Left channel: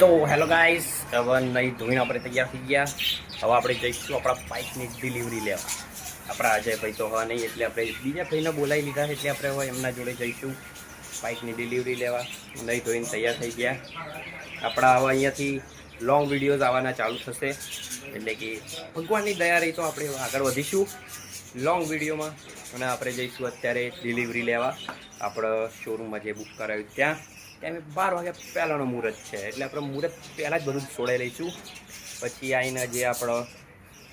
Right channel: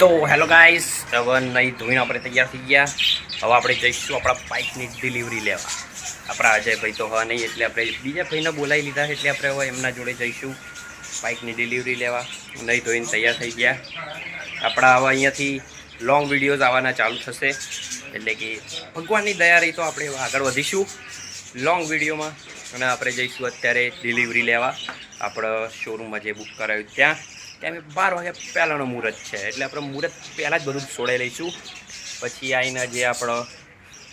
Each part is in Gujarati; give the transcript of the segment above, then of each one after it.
તો હેલો ગાઈસ, હવે નહીં ધોઈને આપણે તૈયાર થઈ ગયા. હવે આપણે જઈશું આપણા બાઇકની ડિલિવરી લેવા. આપણા અજયભાઈ તો હા નહીં, એટલે આપણે બીજા ભાઈને બોલાવી લીધા, એટલે આપણે હવે એમના જોડે જઈશું બાઇકની ડિલિવરી લેવા. નહીં ધોઈને તૈયાર થઈ ગયા. આપણા હવે અહીંયાથી લોંગ વિડીયોઝ આવવાના ચાલુ થશે, એટલે કે ભગવાનની દયા રહી તો આપણે આગળ વધીશું લોંગ વિડીયોમાં. અને આપણે જઈશું અત્યારે ડિલિવરી લેવા આપણે શોરૂમમાં જે બુક કરાવ્યું ત્યાં. ત્યાં 12 વાગ્યા પહેલાંનો મુહૂર્ત છે, એટલે આપણે મુહૂર્ત પહેલાં જ બધું છોડાઈ લઈશું. પછી આવીને જે આપણો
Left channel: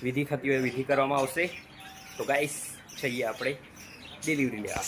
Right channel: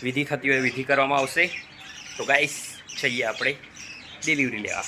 વિધિ થતી હોય વિધિ કરવામાં આવશે. તો ગાઈસ જઈએ આપણે ડિલિવરી લેવા.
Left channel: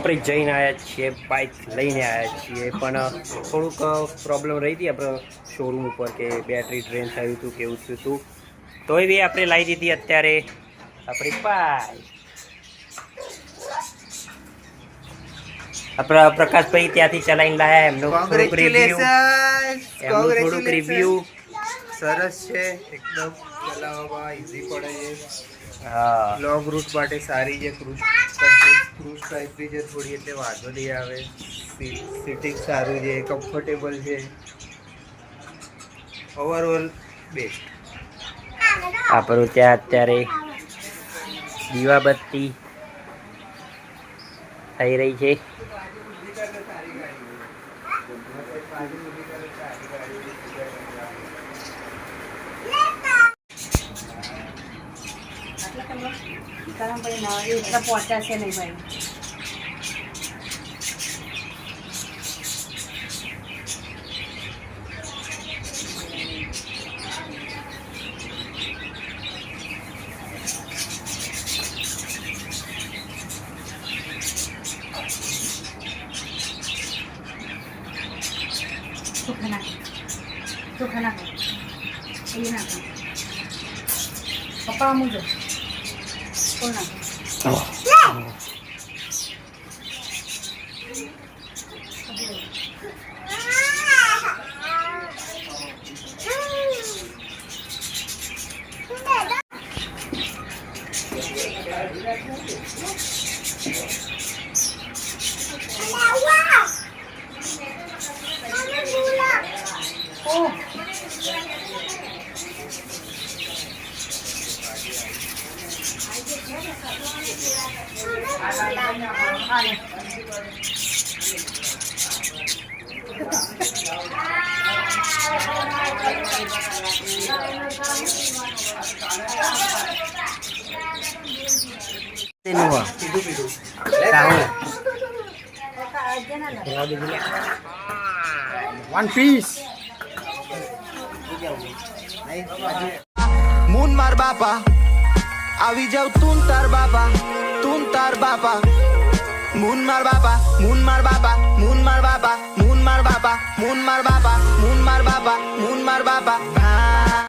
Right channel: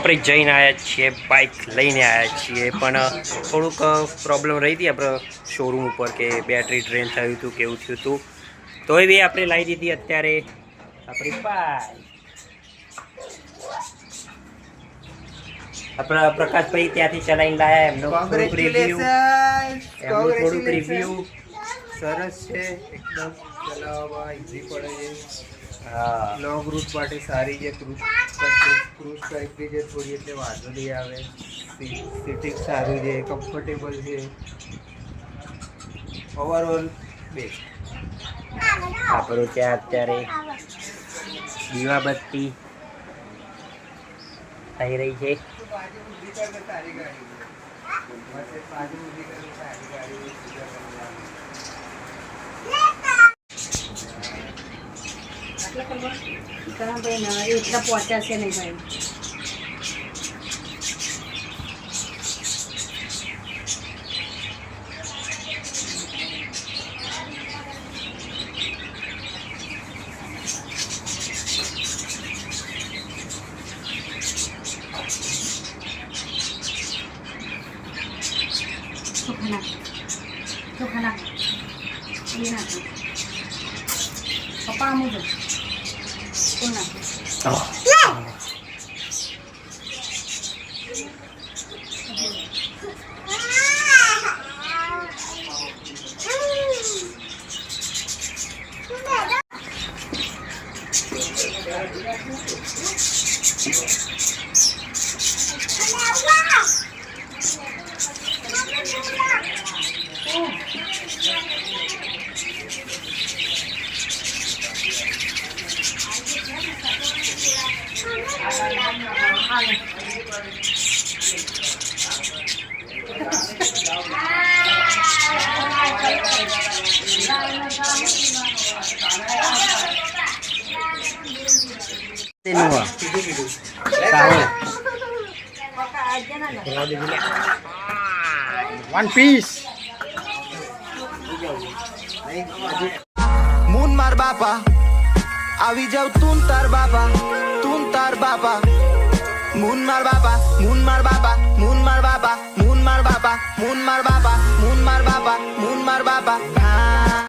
આપણે જઈને આવ્યા છીએ, બાઇક લઈને આવ્યા છીએ, પણ થોડુંક પ્રોબ્લેમ રહી હતી આપણે શોરૂમ ઉપર કે બેટરી ડ્રેન થયું હતું, કેવું થયું હતું. તો એ બી આપણે લાવી દીધી અત્યારે આપણી બાઇક. આપણા પ્રકાશભાઈ ત્યાંથી ચલાવીને લાયા, એમનું થોડુંક રિવ્યુ. સરસ છે, એકદમ ચલાવવામાં ઈઝી પડે છે. હા, લોંગ રૂટ માટે સારી છે. ક્રૂઝ ટાઈપની છે થોડી, એટલે વાંધો નહીં આવે. સીટિંગ સારું છે, કમ્ફર્ટેબલ છે, ઓવરઓલ બેસ્ટ. આપણું ત્યાં અત્યારે દીવાબત્તી થઈ રહી છે. ભાઈ એટલા પહોંચાશે નહીં ભાઈ. ચોખા નાખો એ નાખો પપ્પા મૂજો કોણ નાખો. વન પીસ મૂન માર બાપા આવી જાવ તું તાર બાપા મૂન માર બાપા મૂન માર બાપા મૂન માર બાપા મૂન માર બાપા મૂન માર બાપા મૂન માર બાપા મૂન માર બાપા